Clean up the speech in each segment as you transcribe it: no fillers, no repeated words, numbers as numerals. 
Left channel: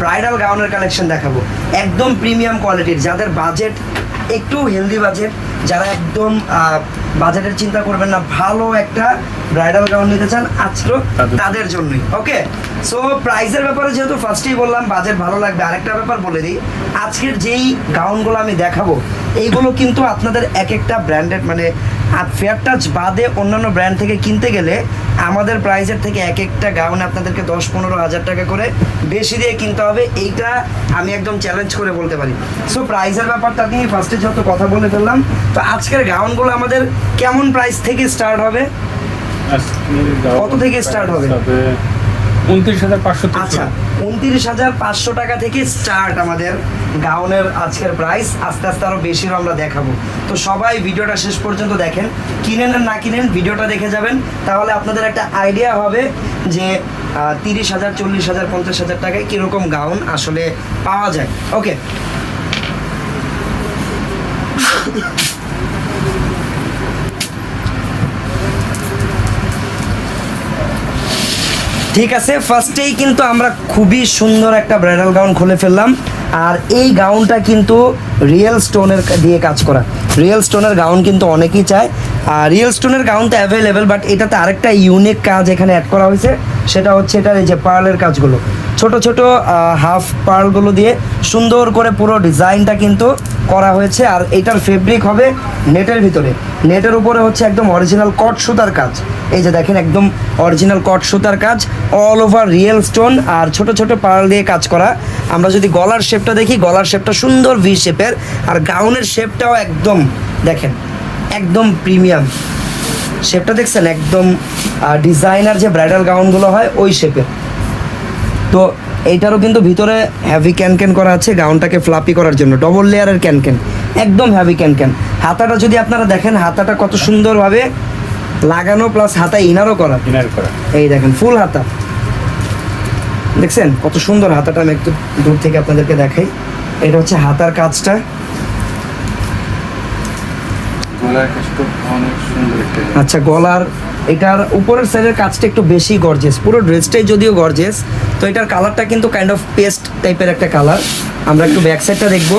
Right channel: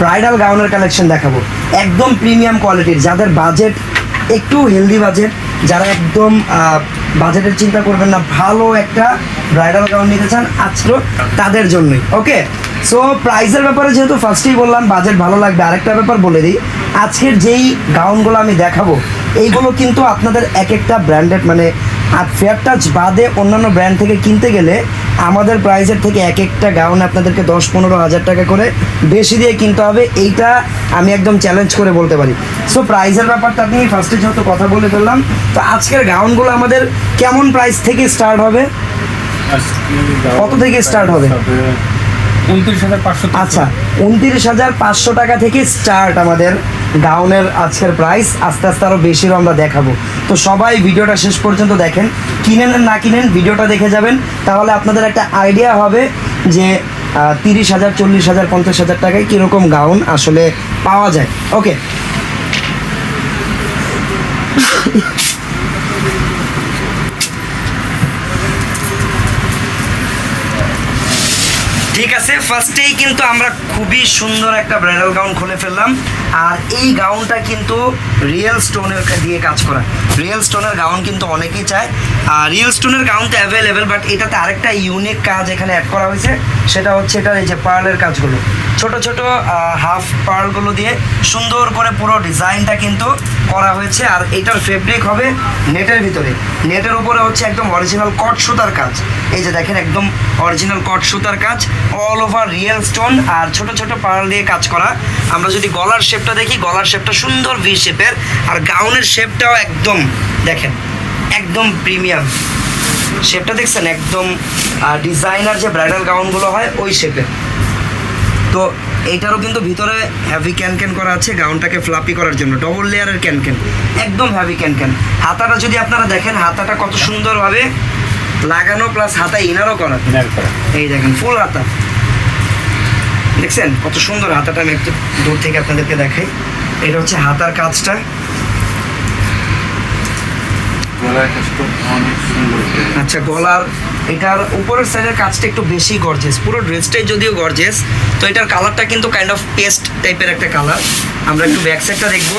Bridal গাউনের collection দেখাবো, একদম premium কোয়ালিটির, যাদের বাজেট একটু হেলদি বাজেট, যারা একদম বাজেটের চিন্তা করবেন না, ভালো একটা ব্রাইডাল গাউন নিতে চান আজকে তাদের জন্যই। ওকে, সো প্রাইসের ব্যাপারে যেহেতু ফার্স্টেই বললাম বাজেট ভালো লাগবে, আরেকটা ব্যাপার বলে দিই, আজকের যেই গাউনগুলো আমি দেখাবো এইগুলো কিন্তু আপনাদের এক একটা ব্র্যান্ডেড, মানে আর ফেয়ার টাচ বাদে অন্যান্য ব্র্যান্ড থেকে কিনতে গেলে আমাদের প্রাইসের থেকে এক একটা গাউন আপনাদেরকে 10-15 হাজার টাকা করে বেশি দিয়ে কিনতে হবে, এইটা আমি একদম চ্যালেঞ্জ করে বলতে পারি। সো প্রাইসের ব্যাপারটা আপনি ফার্স্টে যত কথা বলে ফেললাম, তো আজকের গাউনগুলো আমাদের কেমন প্রাইস থেকে স্টার্ট হবে, কত থেকে স্টার্ট হবে? 29,500। আচ্ছা, 29,500 টাকা থেকে স্টার্ট আমাদের গাউনের আজকের প্রাইস। আস্তে আস্তে আরও বেশিরও আমরা দেখাবো, তো সবাই ভিডিওটা শেষ পর্যন্ত দেখেন, কিনেন আর না কিনেন ভিডিওটা দেখে যাবেন, তাহলে আপনাদের একটা আইডিয়া হবে যে 30,000, 40,000, 50,000 টাকায় কীরকম গাউন আসলে পাওয়া যায়। ওকে, ঠিক আছে, ফার্স্টেই কিন্তু আমরা খুবই সুন্দর একটা ব্রাইডাল গাউন খুলে ফেললাম, আর এই গাউনটা কিন্তু রিয়েল স্টোনের দিয়ে কাজ করা। রিয়েল স্টোনের গাউন কিন্তু অনেকেই চায়, আর রিয়েল স্টোনের গাউন তো অ্যাভেলেবেল, বাট এটাতে আরেকটা ইউনিক কাজ এখানে অ্যাড করা হয়েছে, সেটা হচ্ছে এটার এই যে পার্লের কাজগুলো, ছোট ছোট হাফ পার্লগুলো দিয়ে সুন্দর করে পুরো ডিজাইনটা কিন্তু করা হয়েছে। আর এটার ফেব্রিক হবে নেটের ভিতরে, নেটের উপরে হচ্ছে একদম অরিজিনাল কট সুতার কাজ, এই যে দেখেন একদম অরিজিনাল কট সুতার কাজ, অল ওভার রিয়েল স্টোন আর ছোট ছোট পার্ল দিয়ে কাজ করা। আমরা যদি গলার শেপটা দেখি, গলার শেপটা সুন্দর ভি শেপের, আর গাউনের শেপটাও একদম দেখেন একদম প্রিমিয়াম শেপটা, দেখছেন একদম ডিজাইনার যে ব্রাইডাল গাউনগুলো হয় ওই শেপের। তো এইটারও কিন্তু ভিতরে হ্যাভি ক্যান করা আছে গাউনটাকে ফ্লাপি করার জন্য, ডবল লেয়ারের ক্যান একদম হ্যাভি ক্যান। হাতাটা যদি আপনারা দেখেন, হাতাটা কত সুন্দরভাবে লাগানো, প্লাস হাতা ইনারও করা, এই দেখেন ফুল হাতা, দেখছেন কত সুন্দর হাতাটা। আমি একটু দূর থেকে আপনাদেরকে দেখাই, এটা হচ্ছে হাতার কাজটা। আচ্ছা, গলার এটার উপরের সাইডের কাজটা একটু বেশি গর্জিয়াস, পুরো ড্রেসটাই যদিও গর্জিয়াস, তো এটার কালারটা কিন্তু কাইন্ড অফ পেস্ট টাইপের একটা কালার। আমরা একটু ব্যাক সাইডটা দেখবো,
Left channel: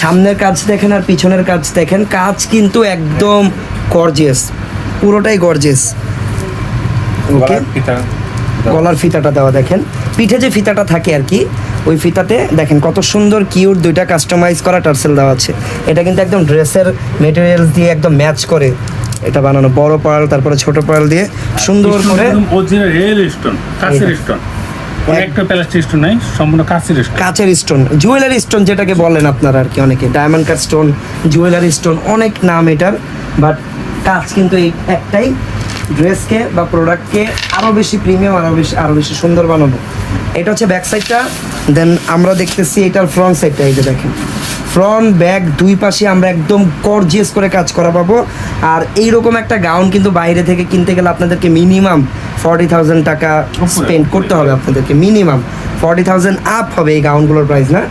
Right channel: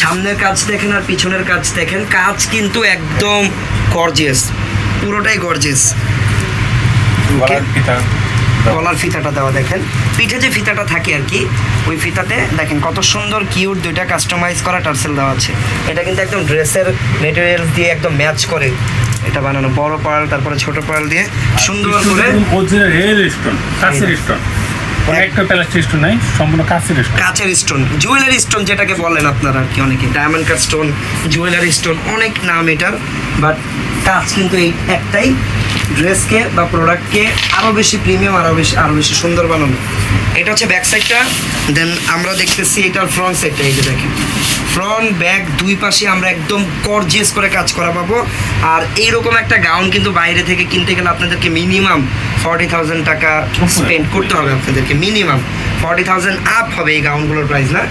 সামনের কাজ দেখেন আর পিছনের কাজ দেখেন, কাজ কিন্তু একদম গর্জিয়াস, পুরোটাই গর্জিয়াস। গলার ফিতাটা দেওয়া দেখেন, পিঠে যে ফিতাটা থাকে আর কি, ওই ফিতাতে দেখেন কত সুন্দর কিউট দুইটা কাস্টমাইজ করা টার্সেল দেওয়া আছে। এটা কিন্তু একদম ড্রেসের মেটেরিয়ালস দিয়ে একদম ম্যাচ করে এটা বানানো, বড় পার্ল তারপরে ছোট পার্ল দিয়ে সুন্দর করে কাচের স্টোন, জুয়েলারি স্টোন যেটাকে বলেন আপনারা আর কি, অনেকে diamond cut stone, jewellery stone, অনেক নাম এটার, বাট কাজ কিন্তু এই একটাই, ড্রেসকে বা প্রোডাক্টকে আরও বেশি প্রিমিয়াম, আরও বেশি সুন্দর বানানো। এটা হচ্ছে ব্যাক সাইডটা, দেন আমরা দেখতেছি এটার ফ্রন্ট সাইডটা, এই যে দেখেন ফ্রন্ট ব্যাক দুই পাশে আমরা একদম গর্জিয়াস করে কাজ করা পাবো। আর এইরকম একটা গাউন কিন্তু বাইরে থেকে কিনতে গেলে আপনাদেরকে মিনিমাম 40,000 টাকা স্পেন্ড করতে হবে, আপনাদেরকে মিনিমাম 40,000 আপ হবে এই গাউনগুলোর প্রাইস, না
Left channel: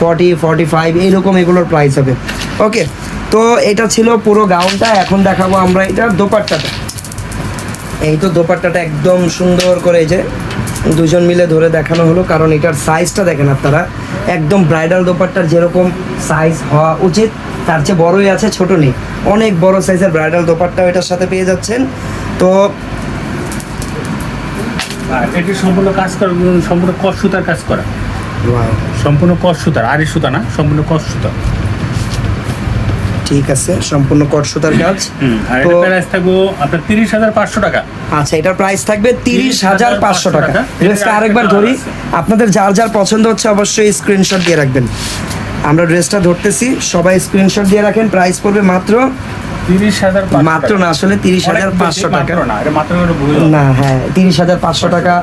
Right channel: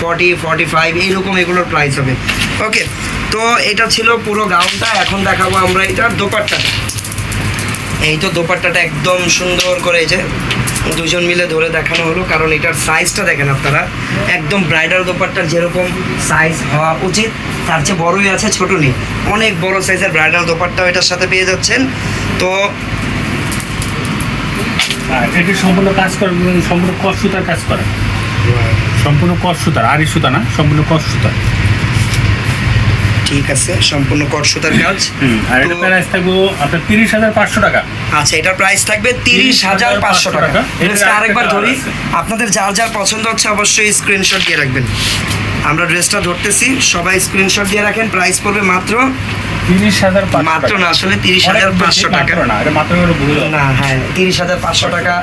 40-45 এইরকম এগুলোর প্রাইস হবে। ওকে, তো এটা ছিল পুরো গাউনটা। এখন দেখাবো আমরা এটার দোপাট্টাটা। এই তো দোপাট্টাটা একদম সুন্দর করে এই যে দুজন মিলে ধরে দেখানো হলো, কারণ এটার সাইজটা দেখেন আপনারা, একদম ব্রাইডাল দোপাট্টার যেরকম সাইজ হওয়া উচিত তার চেয়ে বড়ই আছে, ছোট নেই, অনেক বড় সাইজের ব্রাইডাল দোপাট্টাও এটার সাথে পেয়ে যাচ্ছেন। তো এটা সম্পূর্ণ কাজ করা, সম্পূর্ণ কস সুতার কাজ করা, সম্পূর্ণ কস সুতার, আড়ি সুতা না, সম্পূর্ণ কস সুতা। ঠিক আছে, সম্পূর্ণ কট সুতার কাজ। আর এটার প্রাইস থাকবে আপনার 30,500 টাকা। আচ্ছা, এটার প্রাইস থাকবে 30,500 টাকা। ড্রেসটা আরেকবার ধরি, আপনাদের যার যার পছন্দ হচ্ছে অবশ্যই স্ক্রিনশট দিয়ে রাখবেন। আমরা ড্রেসটা ধরতেছি, সবাই স্ক্রিনশট দিয়ে রাখেন। প্রাইস পড়বে মাত্র 30,500, মাত্র না আসলে 30,500 টাকা না, হ্যাঁ 30,500 টাকা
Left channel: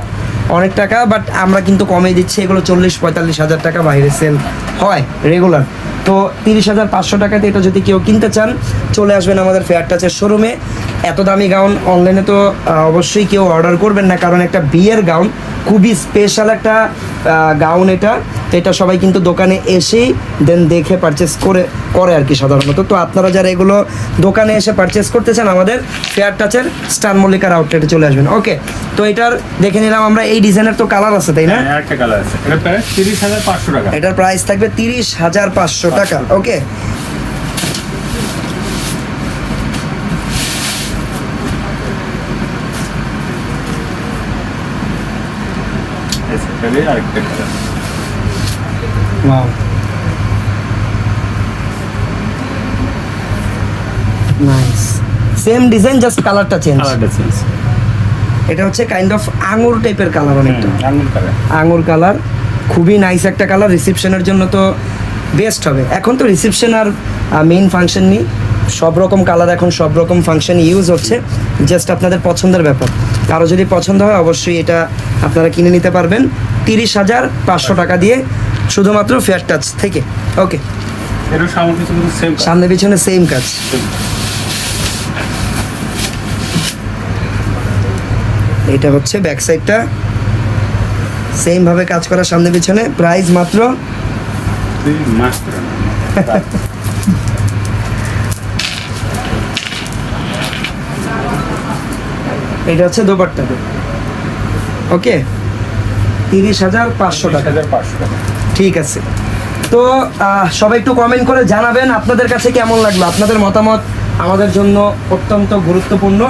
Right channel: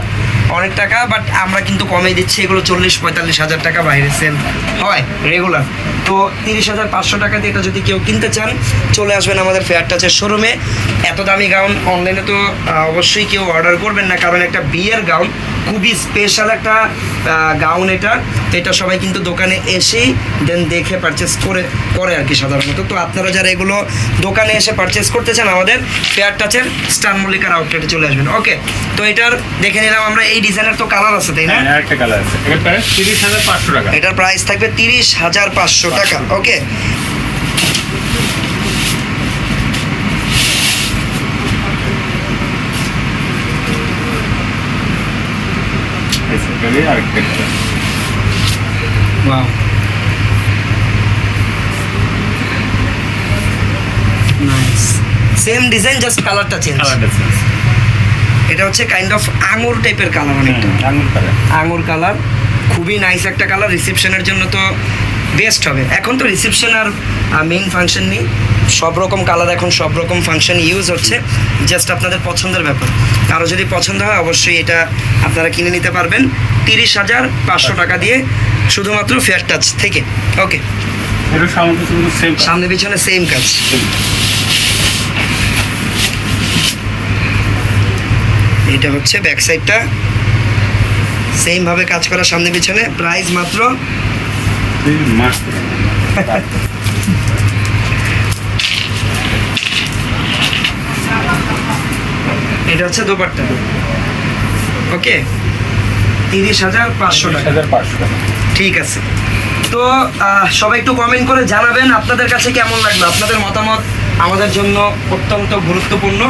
অনেক টাকা, বাট আমরা কিন্তু কমে দিচ্ছি, এগুলো 40-45 হাজার টাকা বাইরে সেল হয় রেগুলার। তো 30,500 টাকাতে এটা যদি কেউ কিনতে চান, চলে আসবেন আমাদের ফেয়ার টাচের শোরুমে। এত দামি গাউন অনলাইনে তো অবশ্যই কেউ অর্ডার করবেন না, কারণ একটা বিয়ের গাউন খুবই স্পেশাল একটা গাউন এটা, তো এটা সবাই কিন্তু দোকানে এসেই দেন দেখে পারচেস করে আর কি সাধারণত। তো আপনারা যারা এগুলো দোকানে এসে পারচেস করতে চান, আমাদের ফেয়ার টাচের স্টার মল্লিকার আউটলেটে চলে আসবেন। ওকে, তো এটার দেখে নিলাম আমরা। এই ডিজাইনের তো কালার আছে তাই না? হ্যাঁ, একটা কালার আছে, এটা প্রাইস 30,500 টাকা। এটার প্রাইস থাকবে 30,500 টাকা। ওকে, এটারই আরেকটা কালার। সেম ডিজাইন, জাস্ট কালারটা চেঞ্জ। কালারটা চেঞ্জ। এটা হচ্ছে কাইন্ড অফ আঙুর টাইপের কালার, অনেকটা আঙুর কালার। আঙুর কালার, খুবই নাইস একটা কালার। রিসেপশনের জন্য তো বেস্ট হবে। এখন তো রিসেপশন আর মেইন ফাংশন নেই, সব রকম কালার এখন সব রকম ফাংশন ইউজ হচ্ছে। জাস্ট আপনাদের পছন্দের ব্যাপার। কারো যদি পছন্দ হয় অবশ্যই এটা আপনারা কিনে নিতে পারবেন 30,500 টাকা দিয়ে, শুধুমাত্র ফেয়ার টাচ থেকে। ওকে, এটা সামনে পিছনে সেম। সামনে পিছনে সেম কাজ। এটা হচ্ছে ব্যাক সাইডটা, সেম ভাবে কাজ করা সামনে পিছনে। প্রাইস মাত্র এটা হচ্ছে দোপাট্টা। ওকে, 30,500 টাকা। 30,500 টাকা। ঠিক আছে, তো সবাই একটু কমেন্ট করে জানাবেন আপনাদের কাছে কেমন লাগলো। আপনাদের মতামত আমাদের জন্য অত্যন্ত গুরুত্বপূর্ণ।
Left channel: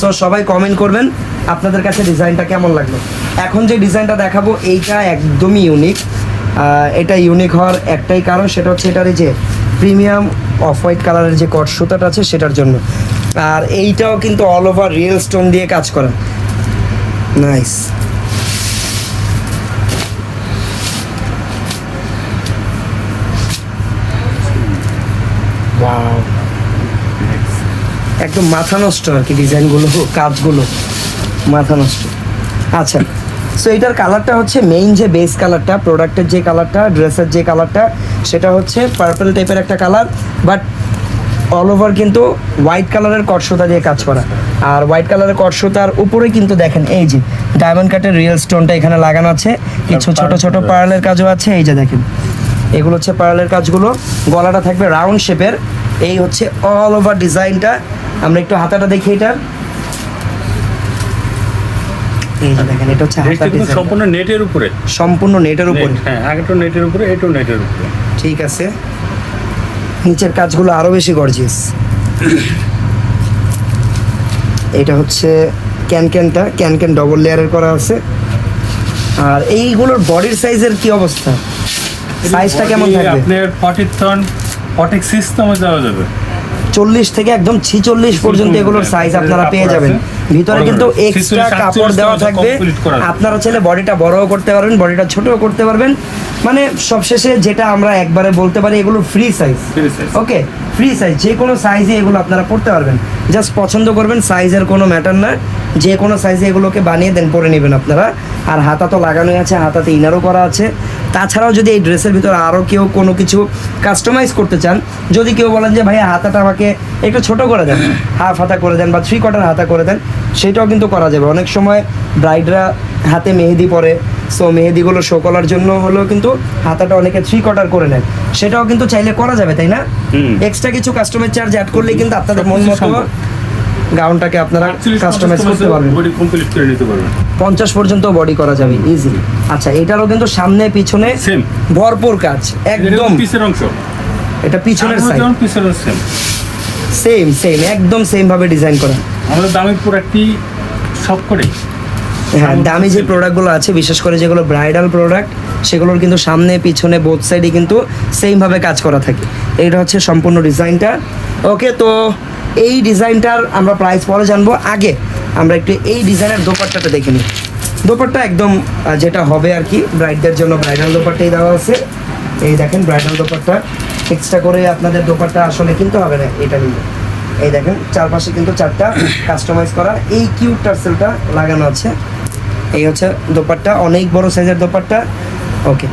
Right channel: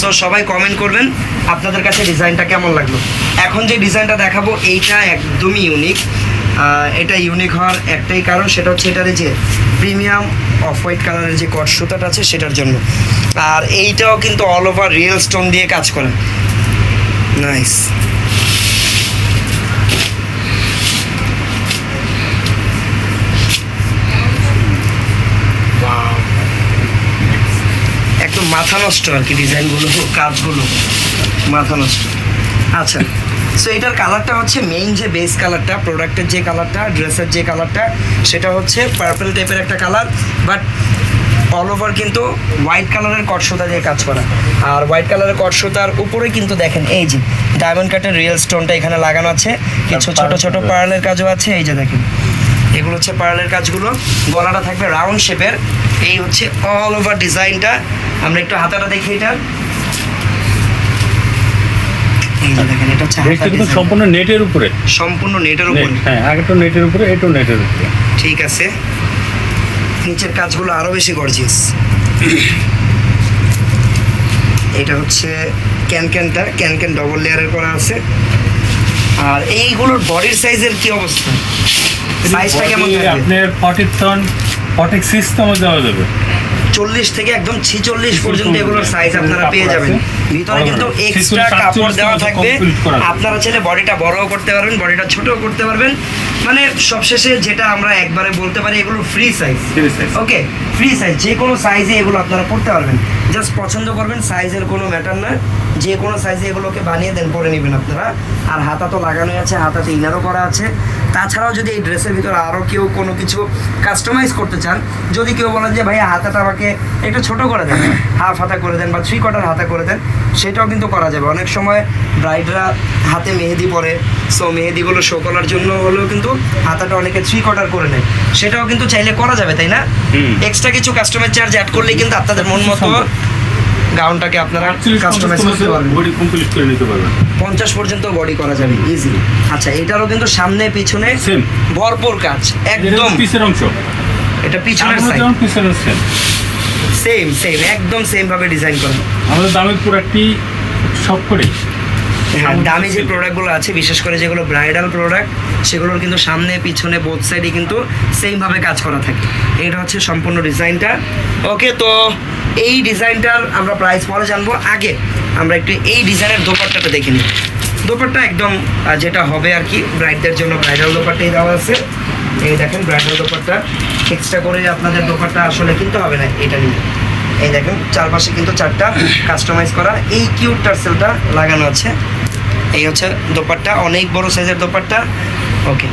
সো সবাই কমেন্ট করবেন আপনাদের কাছে ডিজাইনটা কেমন লাগলো। এখন যে ডিজাইনটা দেখাবো এইটা একদমই ইউনিক। এটা ইউনিক হওয়ার একটাই কারণ, সেটা হচ্ছে এটার এই যে প্রিমিয়াম অফ হোয়াইট কালারের যে কট সুতাটা আছে সেটার জন্য। আর এইটাও কিন্তু অল ওভার রিয়েল স্টোন দিয়ে কাজ করা। নাইস। একদম মাথা নষ্ট আর কি, ডিজাইনগুলো কাজগুলো মাথা নষ্ট। আচ্ছা, সো এটার কালারটা হচ্ছে মেইন যে বেস কালারটা, প্রোডাক্টের যে কালারটা, ড্রেসের যে কালারটা, সেটা হচ্ছে পার্পল টাইপের একটা কালার, বাট অল ওভার কিন্তু হোয়াইট কালারের কটসুতা দিয়ে কাজ করা। আর হোয়াইট কালারের কটসুতার উপরে কিন্তু দেখেন এই যে ডায়মন্ড কাটের রিয়েল স্টোনটা এখানে লাগানো আছে, কিছু ছোট ছোট পার্লের কাজও আছে। এই যে দেখেন, এগুলো হচ্ছে পার্লের কাজগুলো। গলাটা থাকবে রাউন্ড শেপের। এই হচ্ছে অল ওভার ডিজাইনটা। আমরা একটু হাতাটা দেখি এটা। এই যে দেখেন, এটা হচ্ছে হাতা ডিজাইন। সম্পূর্ণ নেটের উপরে। সম্পূর্ণ নেটের উপরে। হ্যাঁ, আগেটা নেটের উপরে, এটাও নেটের উপরে। ঠিক আছে, নিচের কাজগুলো আরো বেশি গর্জিয়াস। এটা হচ্ছে ক্যানক্যানটা, ক্যানক্যান ডবল লেয়ারের করা আছে। আর এইগুলোর বডির সাইজের কি অবস্থা? সাইজটা কেমন থাকবে? আপনার 46 দেওয়া যাবে। 40 থেকে একদম 46 পর্যন্ত এগুলোর সাইজ আপনারা পেয়ে যাবেন। ভিতরে কিন্তু এক্সট্রা কাপড় দেওয়া থাকবে। আপনারা চাইলে বডিটা বড়ও করতে পারবেন, বডিটা ছোটও করতে পারবেন। মানে সবশেষে যেটা আমরা একবারে বলতে পারি, এগুলো ফ্রি সাইজ। ওকে, ফ্রি সাইজ, যে কোনো সাইজে এগুলো আপনারা পড়তে পারবেন। জাস্ট পছন্দ করবেন, সাইজের কোনো ম্যাটার না, যে কোনো সাইজে এগুলোকে বানিয়ে দেন, পরে নেবেন আপনারা। আর হাতা তো লাগানোই আছে, হাতাতে ইনারও করা আছে। তাছাড়াও যদি এই ড্রেসের ভিতরে আরও কেউ কোনো কিছু কাস্টমাইজ করতে চান, যদি কেউ বলেন যে ভাইয়া হাতাটা আমাকে একটু ছোট করে দেন, হাফ হাতা করে দেন বা 3/4 হাতা করে দেন, সেটাও কিন্তু করা যাবে। অনেক সময় ব্রাইডরা হাতে মেহেদি পরে, সো মেহেদিগুলো শো করার জন্য হলেও কিন্তু হাতাটা অনেকে 3/4 করে নেয়, সেটাও কিন্তু চাইলে করা যাবে, তাই না? এক্সট্রা কিছু কাস্টমার চার্জ অ্যাড করলে কিন্তু আপনাদের মন মতো গাউনটাকে আপনারা কাস্টমাইজ করতে পারবেন। বডি কমপ্লিট করে নিতে পারবেন। 50 পর্যন্ত বডি করা যাবে ইজিলি। আচ্ছা, এটারও কিন্তু সামনে পিছনে সেম ভরপুর কাজ, একদম পিছের অংশ। এটা পিছনের সাইড পিছনের সেম সেম একদম সেম ভাবে ডিজাইন করা। আমাদের দামি প্রোডাক্টই সব করে। হ্যাঁ, দামি যে প্রোডাক্টগুলো আছে, বিশেষ করে যেগুলো ব্রাইডাল প্রোডাক্ট, সেগুলোর কিন্তু সামনে পিছনে বোথ সাইডে কিন্তু সেম ভাবে কাজ করা থাকে। এটা হচ্ছে সম্পূর্ণ ডিজাইনটা। ওকে, তো এই ডিজাইনটার আমরা প্রাইস পরে জানবো। আগে আমরা একটু এই ডিজাইনের দোপাট্টাটা দেখে নিই। দোপাট্টা একদম যেটা হবে আর কি, ব্রাইডদের জন্য ব্রাইডাল দোপাট্টাই দেওয়া আছে। এই দেখেন ব্রাইডাল দোপাট্টা, এক্সট্রা করে আপনাদের দোপাট্টা আসলে কিনতে হবে না, এটা নিয়ে। এই দেখেন চারপাশে কিন্তু 4টা কাস্টমাইজ করা এই কিউট টার্সেলটা লাগানো আছে। এই হচ্ছে দোপাট্টা, অনেক বড় সাইজের দোপাট্টা। ওকে,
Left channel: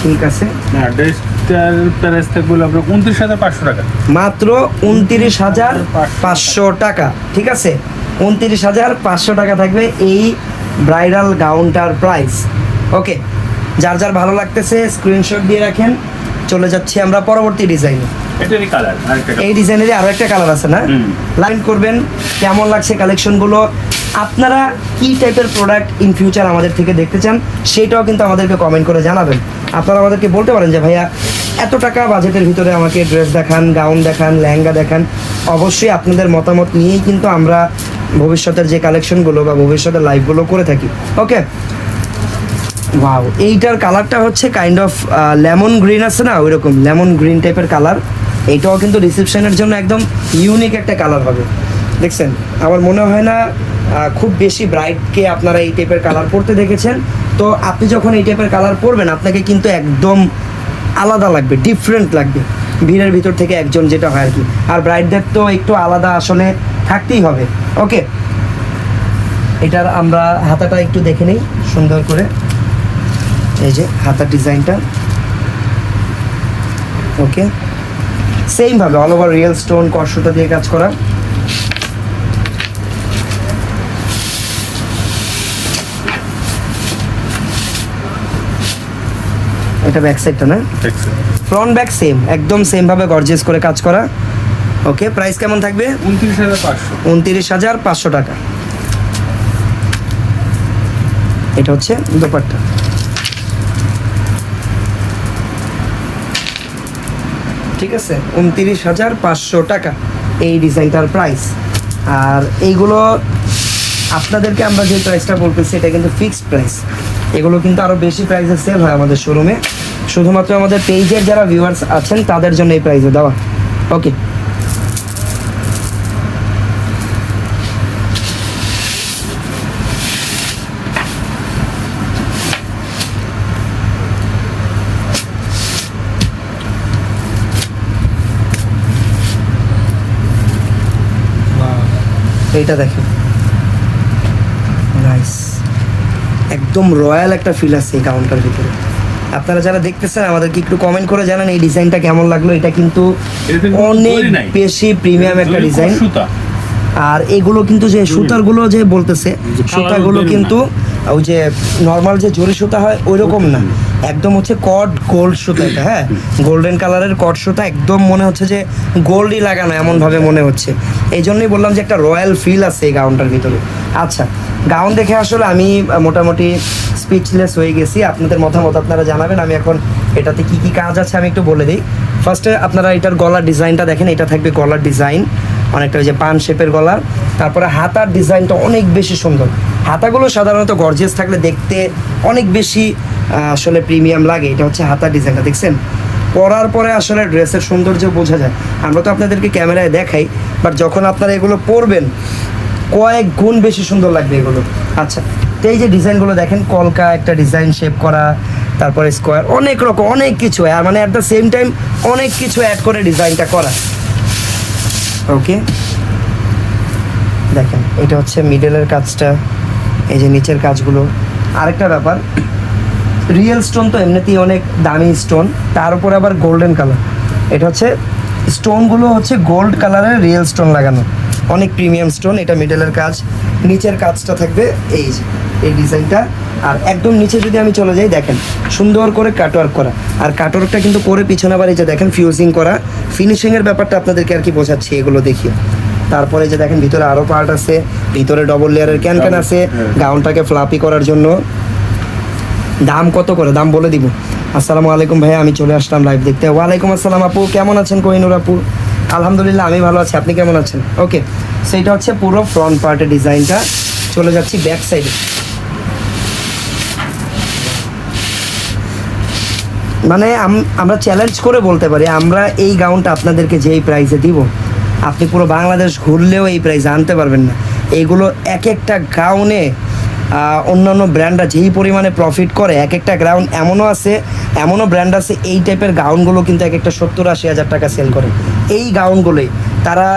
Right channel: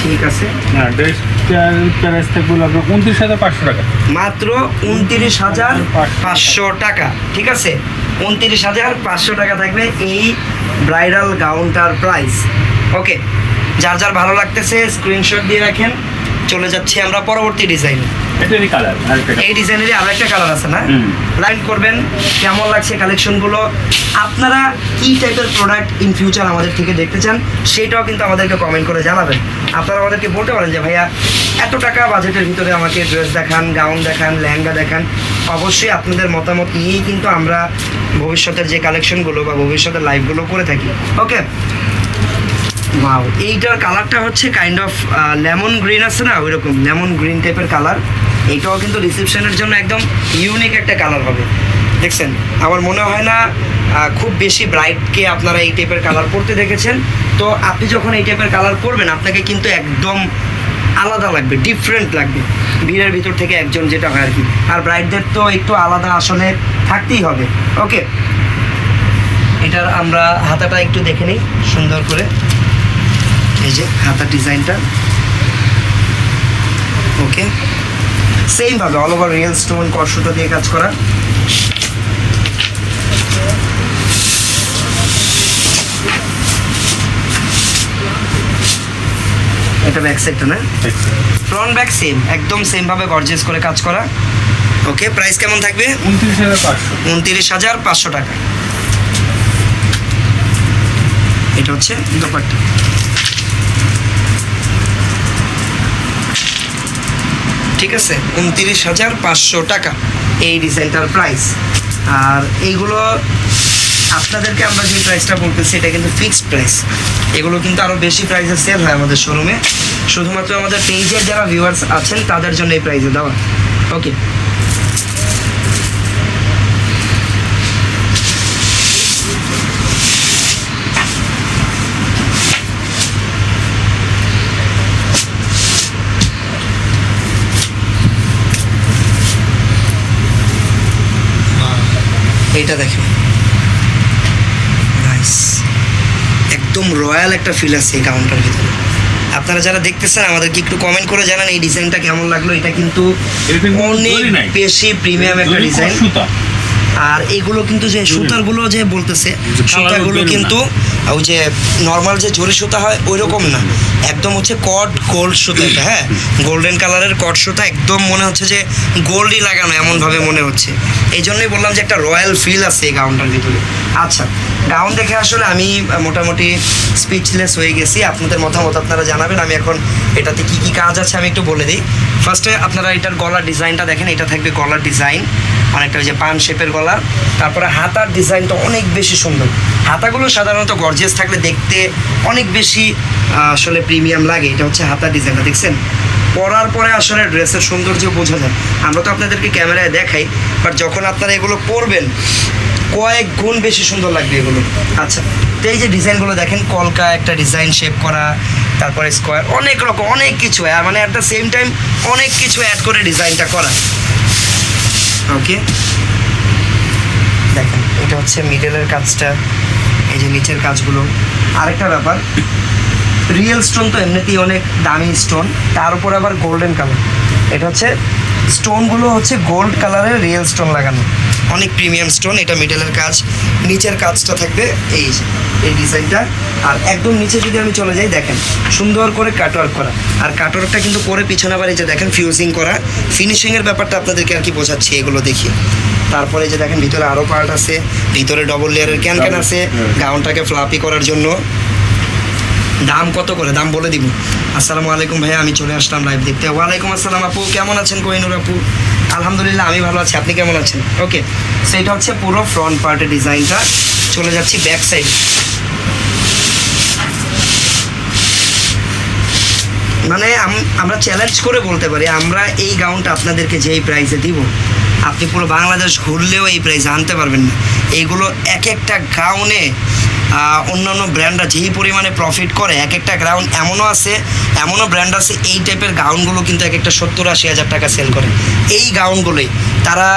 ঠিক আছে। না, ড্রেসটার প্রাইস থাকবে আপনার 29,500 টাকা। মাত্র 29,500 টাকা। ঠিক আছে, 29,500 টাকা থাকবে এই ব্রাইডাল গাউনটার প্রাইস। ওকে, যার যার ভালো লাগতেছে স্ক্রিনশট দিয়ে রাখেন। চলে যাচ্ছি আমরা পরবর্তী ডিজাইনে। এটারই কালার, এই ডিজাইনেরই আরো একটা কালার আছে না? লাইন করবেন কেমন লাগছে কালেকশনগুলো, আপনারা কী টাইপের প্রোডাক্ট ইন ফিউচার আমাদের থেকে দেখতে চান সেটাও কিন্তু আমাদেরকে কমেন্ট করে জানাবেন। আপনারা আমাদেরকে বলতে পারেন যে ভাইয়া এত টাকা বাজেটের ভিতরে আমাকে ড্রেস দেখান, গাউন দেখান, লেহেঙ্গা দেখান। অবশ্যই আপনাদের মতামত নিয়েই কিন্তু আমরা ভবিষ্যতের যে কালেকশনগুলো বা ভবিষ্যতের লাইভগুলো করে থাকি। ওকে, ওয়াও, এইটার কালারটা হচ্ছে কাইন্ড অফ লেমন গ্রিন আছে না, ওইরকম লেমন গ্রিন টাইপের কালার। এইটাও কিন্তু রিসেপশনের জন্য একদম ইউনিক একটা কালার হবে। দেখছেন, আমার মনে হয় না খুব বেশি ব্রাইটকে আপনারা এই টাইপের কালার পরতে দেখেছেন। তো আপনি যখন এই টাইপের কালার পরবেন আপনাকে কিন্তু একদম আলাদা লাগবে, ডিফারেন্ট লাগবে ভিড়ের ভিতর থেকে একজন, যেটা হয় আর কি। আর ব্রাইডদের তো একটু আলাদা আসলে থাকতেই হবে। ওকে, এটার আমরা হাতাটা একটু দেখে নিই সুন্দর করে। এই যে হাতার ডিজাইনটা, ওকে, সেমভাবে অল ওভার রিয়েল স্টোন কর্ষটা দিয়ে কাজ করা। এটা ব্যাক সাইডটা না, ফ্রন্ট ব্যাক সেম, একদম সেমভাবে গর্জিয়াস করে কাজ করা। ওকে, প্রাইস কেমন থাকবে? 29,500 টাকা। এটা হচ্ছে দোপাট্টা। ঠিক আছে, 29,500 টাকা এই ডিজাইনটার প্রাইস। আর এইগুলো আপনাদেরকে আমরা যে প্রাইসটা বলতেছি এটা কিন্তু ফিক্সড প্রাইস। এগুলো কিন্তু আরও বেশি প্রাইসে সেল হয় আমাদের শোরুমে, শুধুমাত্র আমাদের পেজের যারা ভিউয়ার্স আছেন তাদের জন্য এই প্রাইসে দেওয়া। ওকে, এইটা দেখেন, নাইস, একদম রয়্যাল একটা ফিল আছে এই গাউনটার ভিতরে। আপনারা যারা দেখতেছেন আমাদেরকে একটু কমেন্ট করে জানান এই ডিজাইনটা কেমন লাগলো। এটা কিন্তু অনেক বেশি প্রিমিয়াম একটা ডিজাইন। আর এগুলো কিন্তু যে সুতারগুলো যে বলতেছে, সুতাগুলো কিন্তু ওই যে নর্মাল যে জরি সুতা হয় ওই রকম না, একদম হচ্ছে কট গোল্ড সুতা। এটা হ্যাঁ, গোল্ডেন কালারের কট সুতা, একদম মনে হচ্ছে যে গোল্ডই লাগানো এমনভাবে মনে হচ্ছে। এই জন্যই বললাম যে একটা রয়্যাল ফিল আছে এই গাউনটার ভিতরে। আচ্ছা, গাউন দেখে আসলে আমি মোটামুটি স্পিচলেস হয়ে গেছি। আপনাদের মতামত আপনারা জানাবেন। আমি এখন এটাতে কি কি কাজ আছে আমি একটু বলে দিই। ফার্স্টে আপনারা এটার গলার ডিজাইনটা দেখেন, এটা থাকবে গলার ডিজাইন অনেকটা ওই যে পান শেপের গলার। তারপরে হাতার ডিজাইনটা অনেক বেশি সুন্দর। হাতাগুলো সাধারণত গর্জিয়াস থাকলে দেখতে অনেক বেশি আসলে প্রিমিয়াম লাগে। এটা হচ্ছে হাতার ডিজাইনটা, দেখছেন? পরার পরে আসলে ড্রেসের সৌন্দর্য বোঝা যায়। আমরা তো আপনাদেরকে ক্যামেরায় দেখাই, বাট যখন আপনারা এগুলো পরবেন কয়েক গুণ বেশি সুন্দর লাগবে এগুলো। আচ্ছা, তো এই যে ডিজাইনগুলো দেখেন, কলকা একটা ডিজাইন শেপ করা, তারপরে স্কোয়ার, অনেক রকম অনেক কিছু, আর মানে অ্যাট দ্য সেম টাইম অনেক কিছু অ্যাড করে ডিজাইনটা করা। ওকে, দেখেন এটা হচ্ছে মিডলের কাজটা, এই যে নিচের কাজগুলো। আরেকটা ব্যাপার, রিয়েল স্টোন তো এমনিতেই অনেক দামি স্টোন, তার উপর আবার গোল্ডেন কালার। এটা হচ্ছে স্টোনগুলো হচ্ছে গোল্ড কালারের রিয়েল স্টোন লাগানো, অনেক প্রিমিয়াম স্টোন। এটা মিডলের কাজ, নিচের কাজটা থাকবে এই এই ডিজাইনটা। আর একদম নিচে যদি আমি চলে যাই, দেখেন সুন্দর করে কাটওয়ার্ক করা। আর কাটওয়ার্কটা কিন্তু করে পিছনে আবার এই যে দেখেন ফিউজিং করা, ফিনিশিংয়ের ব্যাপারটা আপনাদেরকে আর কি বোঝাচ্ছি এগুলো দেখিয়ে। তারপরে যে দেখেন ভিতরে আরও পার্ট আছে, ভিতরে ডবল লেয়ারের ক্যান আছে গাউনটাকে ফ্লাপি করার জন্য। দাম কত করে দাম বলে দিব। আসসালামু আলাইকুম ভাইয়া, আমি চলে আসলাম লাইভ দেখতে। ওয়ালাইকুম আসসালাম আপু, কেমন আছেন কোহিনুর আপু? আলহামদুলিল্লাহ আমি ভালো আছি, আপনি কেমন আছেন? ওকে, সেইটা হচ্ছে পুরো ফ্রন্ট পার্টের ডিজাইনটা। চলে যাচ্ছি ব্যাক সাইডে। মানে আমরা চ্যালেঞ্জ করে বলতে পারি, আমরা এই গাউনটা আপনাদেরকে যেই প্রাইসে দিব, আপনি পুরো বাংলাদেশ ঘুরলেও এই প্রাইসে আনতে পারবেন না। এইগুলো এক একটা গাউনে অন্যান্য ব্র্যান্ডরা যেই পরিমাণে প্রফিট করে, এক একটা গাউন এমনও ব্র্যান্ড আছে এই টাইপের গাউনগুলো কিন্তু এক একটা 70-80 হাজার টাকা সেল করে। এই গাউনগুলোই তারা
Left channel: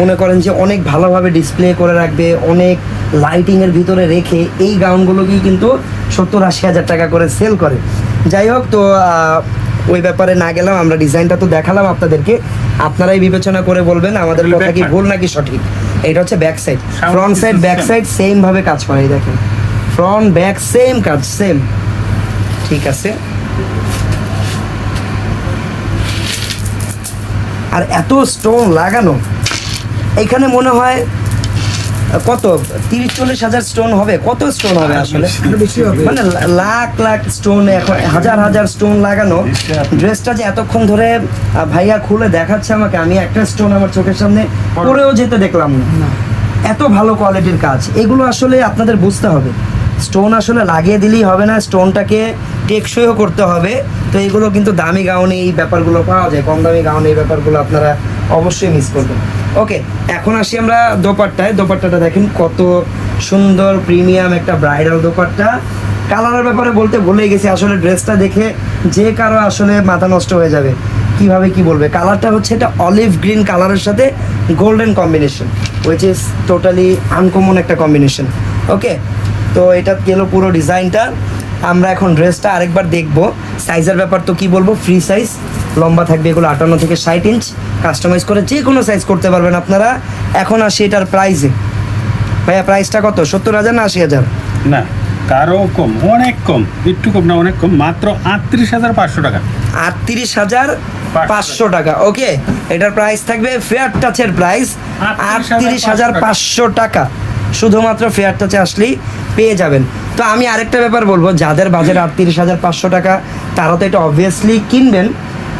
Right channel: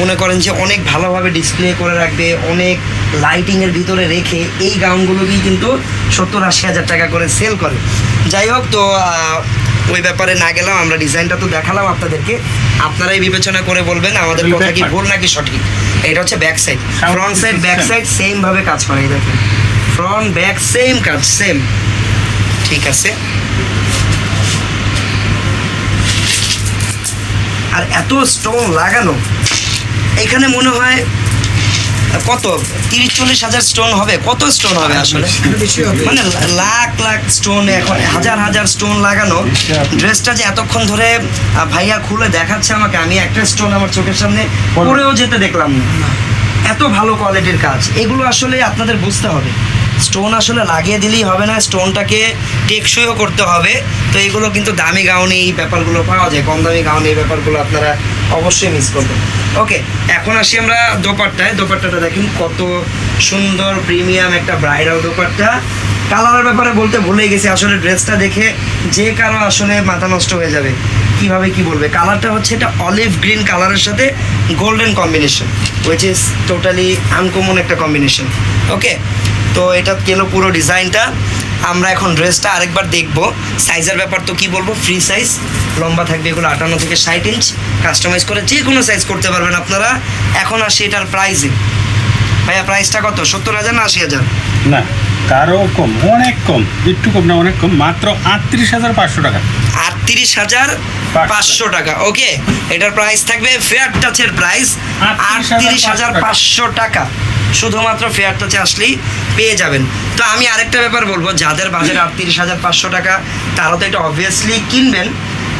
মনে করেন যে অনেক ভালোভাবে ডিসপ্লে করে রাখবে, অনেক লাইটিংয়ের ভিতরে রেখে এই গাউনগুলোকেই কিন্তু 70-80 হাজার টাকা করে সেল করে। যাই হোক, তো ওই ব্যাপারে না গেলাম, আমরা ডিজাইনটা তো দেখালাম আপনাদেরকে, আপনারাই বিবেচনা করে বলবেন আমাদের কথা কি ভুল নাকি সঠিক। এটা হচ্ছে back side, front side back side same ভাবে কাজ করে। এই দেখেন ফ্রন্ট ব্যাক সেম কাজ, সেম। ঠিক আছে, আর এত স্টোন লাগানো, এখানে মনে হয় কত 30-40 হাজার স্টোন হবে, কত স্টোন হবে আসলে, মানে লাখ লাখ স্টোন, এখন হাজার হাজার স্টোন লাগানো। ড্রেসটা যে এতক্ষণ ধরে ভাইয়া খুলে দেখাচ্ছে আমাকে, আমি একটা স্টোন আমার চোখের সামনে পরেও যেতে দেখলাম না। এত ভালো কোয়ালিটির কাজ, এগুলো আসলে আপনাদের বুঝতে হবে। স্টোন আসলে লাগিয়ে দিলেই হবে না, স্টোনটাকে টেকসইও করতে হবে। তো এগুলো কিন্তু দামি গাউনে এই ব্যাপারগুলো পাওয়া যায়, কম দামি গাউনে এই ব্যাপারগুলো আপনারা অবশ্যই মিস করবেন। ওকে, এখন আসি আমরা দোপাট্টায়। দোপাট্টাটা দেখেন কত সুন্দর প্রিমিয়াম একটা ব্রাইডাল দোপাট্টা। কালারের ব্যাপারে বলতে ভুলেই গেছি, আসলে ড্রেসটা দেখে যে কারো আসলে মাথা নষ্ট হয়ে যাবে, কিভাবে কি বলবে। কালারটা হচ্ছে এটা অলিভ গ্রিন কালারের সাথে golden combination, which is totally uncommon একটা কম্বিনেশন। ওকে, তো এটা গেল পুরো ডিজাইনটা। আমরা এখন ড্রেসটা আরেকবার দেখব। সাইজের ব্যাপার তো কি বলবো, ফ্রি সাইজ, লম্বা থাকবে এগুলো 58 থেকে 60 ইঞ্চ, কাস্টমাইজ করে যে কোনো সাইজ করতে পারবেন আপনারা। এখন আসি এটার প্রাইসে। ভাইয়া প্রাইসটা কত, 70,000 না 80,000? না, তারও কম, অনেক কম, একটু কম না, অনেক কম, মাত্র 38,500 টাকা। 38,500 টাকা। ওকে, এটার প্রাইস থাকবে ফেয়ার টাচের প্রাইস 38,500 টাকা। শুধুমাত্র ফেয়ার টাচে আসলেই পেয়ে যাবেন। তো আমি আরেকটা ব্যাপার বলবো, যাদের বাজেট 38,500 টাকা তারা তো এটা অবভিয়াসলি কিনবেন,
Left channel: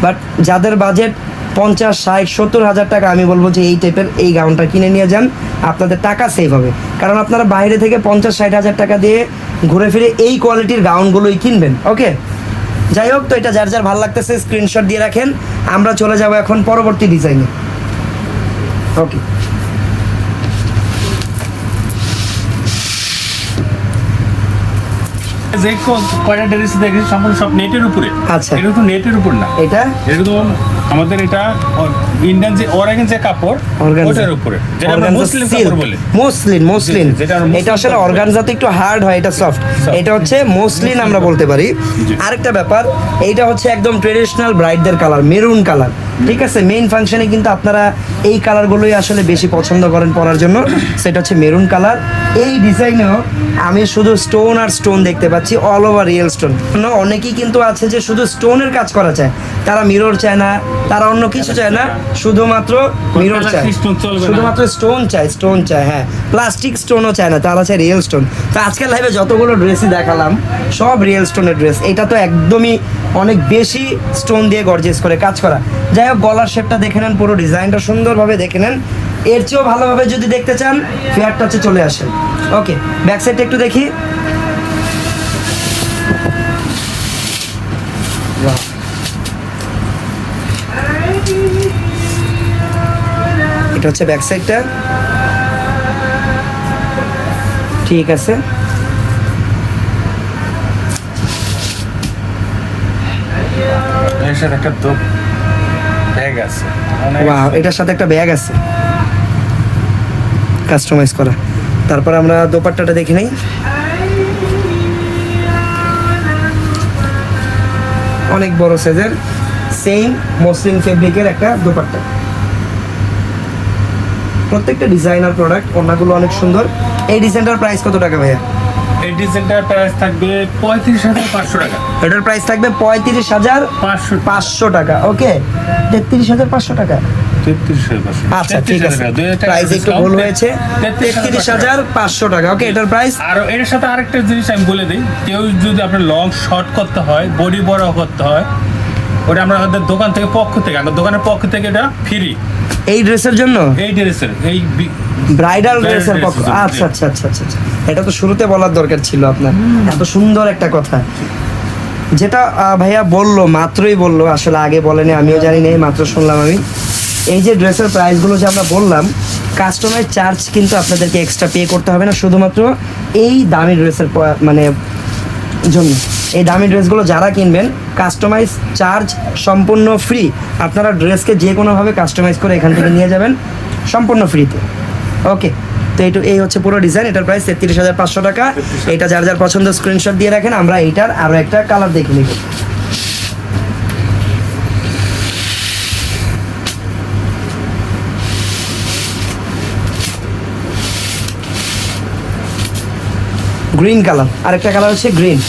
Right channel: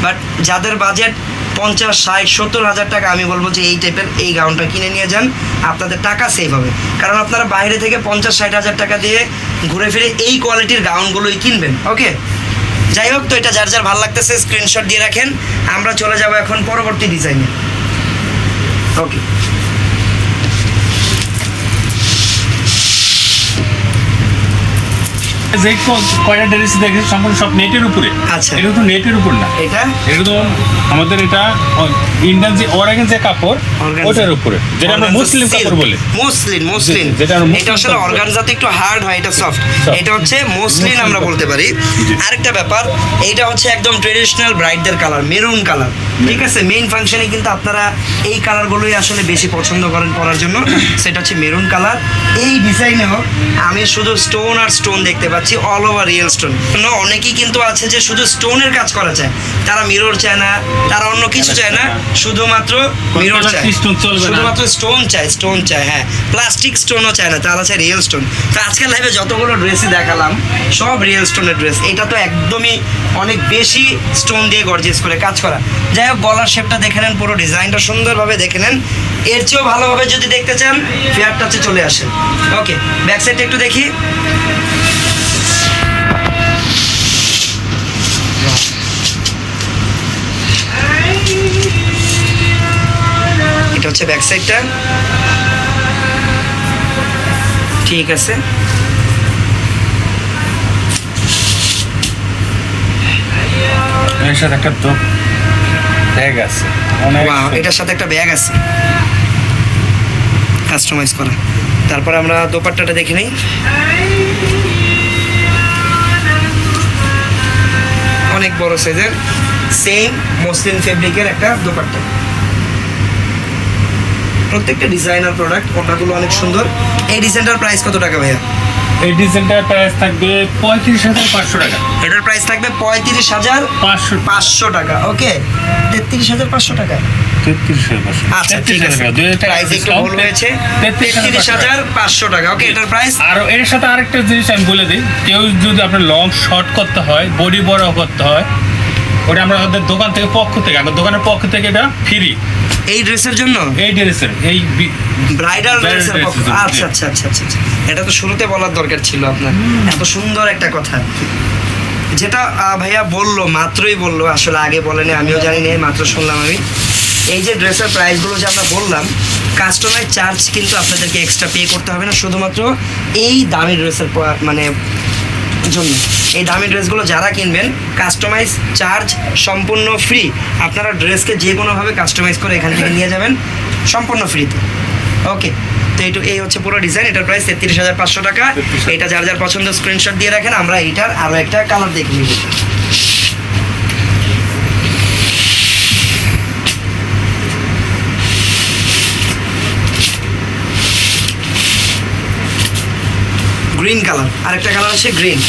বাট যাদের বাজেট 50, 60, 70,000 টাকা, আমি বলবো যে এই টাইপের এই গাউনটা কিনে নিয়ে যান, আপনাদের টাকা সেভ হবে। কারণ আপনারা বাইরে থেকে 50-60 হাজার টাকা দিয়ে ঘুরে ফিরে এই কোয়ালিটির গাউনগুলোই কিনবেন। ওকে, যাই হোক, তো এটা যার যার ভালো লাগতেছে স্ক্রিনশট দিয়ে রাখেন। আমরা চলে যাব এখন পরবর্তী ডিজাইনে। ওকে, যে কয়টা ড্রেস দেখেছি সম্পূর্ণ সব নেটের উপরে। আচ্ছা। এটা তো নেটের উপর না, এটা একদম আমাদের এটা ইন্ডিয়ান যে অর্গানজা কাপড়, Organza। ওটার উপরে, যেটা আমরা মুসলিম কাপড় বলি। মসলিন যেটা আমরা মুসলিম এটা আসলে কাপড় বলি। অর্গানজাতে একটু হার্ড হয়, এটা সফট। Soft। এটা হচ্ছে মসলিন আমরা বলতে পারি। জি। আরেকটা ব্যাপার, এইটা হচ্ছে একদম ট্রেডিশনাল ব্রাইডদের কালার, মেরুন কালার। ঠিক আছে, মেইন ফাংশনে কিন্তু আপনারা এই কালারগুলোই আসলে বেশি পছন্দ করেন পরার জন্য, সেটা হচ্ছে মেরুন কালার। এই ডিজাইনেও আমি শুধু স্টোন আর স্টোন দেখতে পাচ্ছি, অল ওভার রিয়েল স্টোন। অনেকেই কিন্তু আছে যে শুধু স্টোনের কাজ করা চায়, তারা মিরর চায় না, তারা অন্য কিছু চায় না, শুধুমাত্র মিরর চায়, Plastic stone চলবে না। শুধুমাত্র স্টোন চায়, হ্যাঁ, প্লাস্টিক স্টোনও চায় না, তারা চায় রিয়েল স্টোন। তো আজকাল লাইভে যতগুলো ড্রেসই দেখালাম সব রিয়েল স্টোনের ড্রেস। এটা তো একদমই অনেক বেশি স্টোন দিয়ে গর্জিয়াস করে কাজ করা। যাই হোক, গলার শেপটা দেখে নেন, পুরো ডিজাইনটা সুন্দরভাবে দেখে নেন। এর চেয়েও ভালোভাবে যদি দেখতে চান ফেয়ার টাচে চলে আসেন। ওকে, ব্যাক সাইডটা একটু দেখি। এটা হচ্ছে ব্যাক সাইডটা, ঠিক আছে। এর সাথে একটা ব্যাগ আছে, Wow, এটার সাথে একটা ব্যাগ আছে কাস্টমাইজ করা। তারপর আমরা দোপাট্টাটা দেখে নিই। অনেক বড় সাইজের সেম মসলিন ফেব্রিকের একটা দোপাট্টা। প্রত্যেকটা ডিজাইনার প্রোডাক্ট, ওনাগুলো অনেক সুন্দর। এই ডিজাইনটার প্রাইস কত টাকা ভাইয়া? এই ডিজাইনটার প্রাইস থাকবে 35,500 টাকা। এটার প্রাইস থাকবে 35,500 500 টাকা। ওকে, 33,500 টাকা। 33,500। আচ্ছা, ঠিক আছে, প্রাইস একটু ভুল হয়েছে, 33,500 টাকা। ওকে, এটার প্রাইস। আর এর সাথে আরেকটা জিনিস আমি বলে দিই, কেউ যদি আপনার লং শর্ট করতে হয়, বডি বড় করতে হয়, ওটা আমরা আমাদের দোকান থেকে আমাদের দোকানের পক্ষ থেকে এটা ফ্রি। এই ড্রেসের জন্য, এই ড্রেসের এই ব্রাইডাল ড্রেসের পক্ষ। ড্রেসের জন্য। আচ্ছা আচ্ছা আচ্ছা আচ্ছা আচ্ছা। এটা তো শুরুতে বলার দরকার ছিল আপনার, এত সুন্দর একটা কথা। যেটা ভাইয়া বললো, মাত্রই বললো, আসলে আগে বলেনি, আমিও জানি না, মাত্র শুনলাম আমি। এই যে ড্রেসের প্রাইসগুলো যে আমরা বললাম, কাস্টমাইজ চার্জ কিন্তু আপনাদেরকে এক্সট্রা পে করতে হবে না, শুধুমাত্র এই দামি ড্রেসের মানে জন্য। এই দামি ড্রেসগুলো যারা কিনবেন, কাস্টমাইজ চার্জ সম্পূর্ণ ফ্রি। আপনারা ড্রেসকে যে কোনোভাবে কাস্টমাইজ করে এখান থেকে নিয়ে যাবেন সম্পূর্ণ ফ্রিতে। ওকে, তো এই হচ্ছে পুরো ডিজাইন। এটার প্রাইস 33,500 টাকা। এটা যার যার পছন্দ স্ক্রিনশট দিয়ে রাখেন। আমরা এইটার আরও একটা কালার দেখে নিব। গ্রিন কালার, আরেকটা কালার হচ্ছে গ্রিন।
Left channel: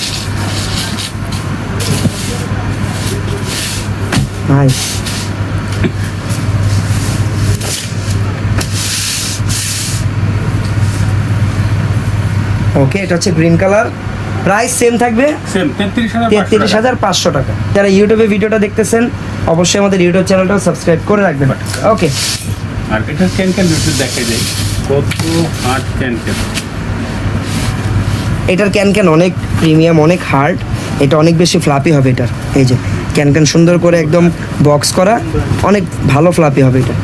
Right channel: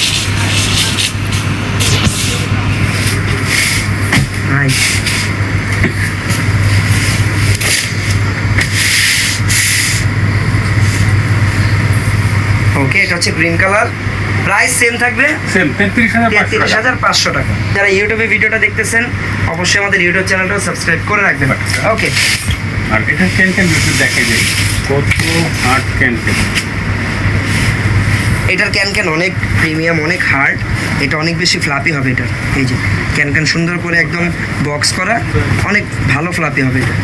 নাইস। ওকে, এটা হচ্ছে গ্রিন কালার, প্রাইস সেম থাকবে সেম 33,500 টাকা। যারা ইউটিউবে ভিডিওটা দেখতেছেন অবশ্যই আমাদের ইউটিউব চ্যানেলটা সাবস্ক্রাইব করে রাখবেন। ওকে, আর এটা ক্যান একটু দেখে যাই কত হার্ড ক্যান। এটার ক্যান অনেক প্রিমিয়াম, অনেক হার্ড, এটা অনেক বেশি ফ্লাপি হবে। এটা এই যে ক্যান সুন্দর করে একদম বক্স করা, অনেক ভালো ফ্লাপি হবে এটা।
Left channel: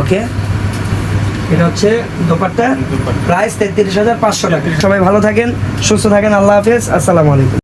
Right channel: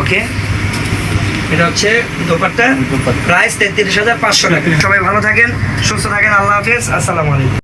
ওকে, এটা হচ্ছে দোপাট্টা, প্রাইস 33,500 টাকা। সবাই ভালো থাকেন, সুস্থ থাকেন, আল্লাহ হাফেজ, আসসালামু আলাইকুম।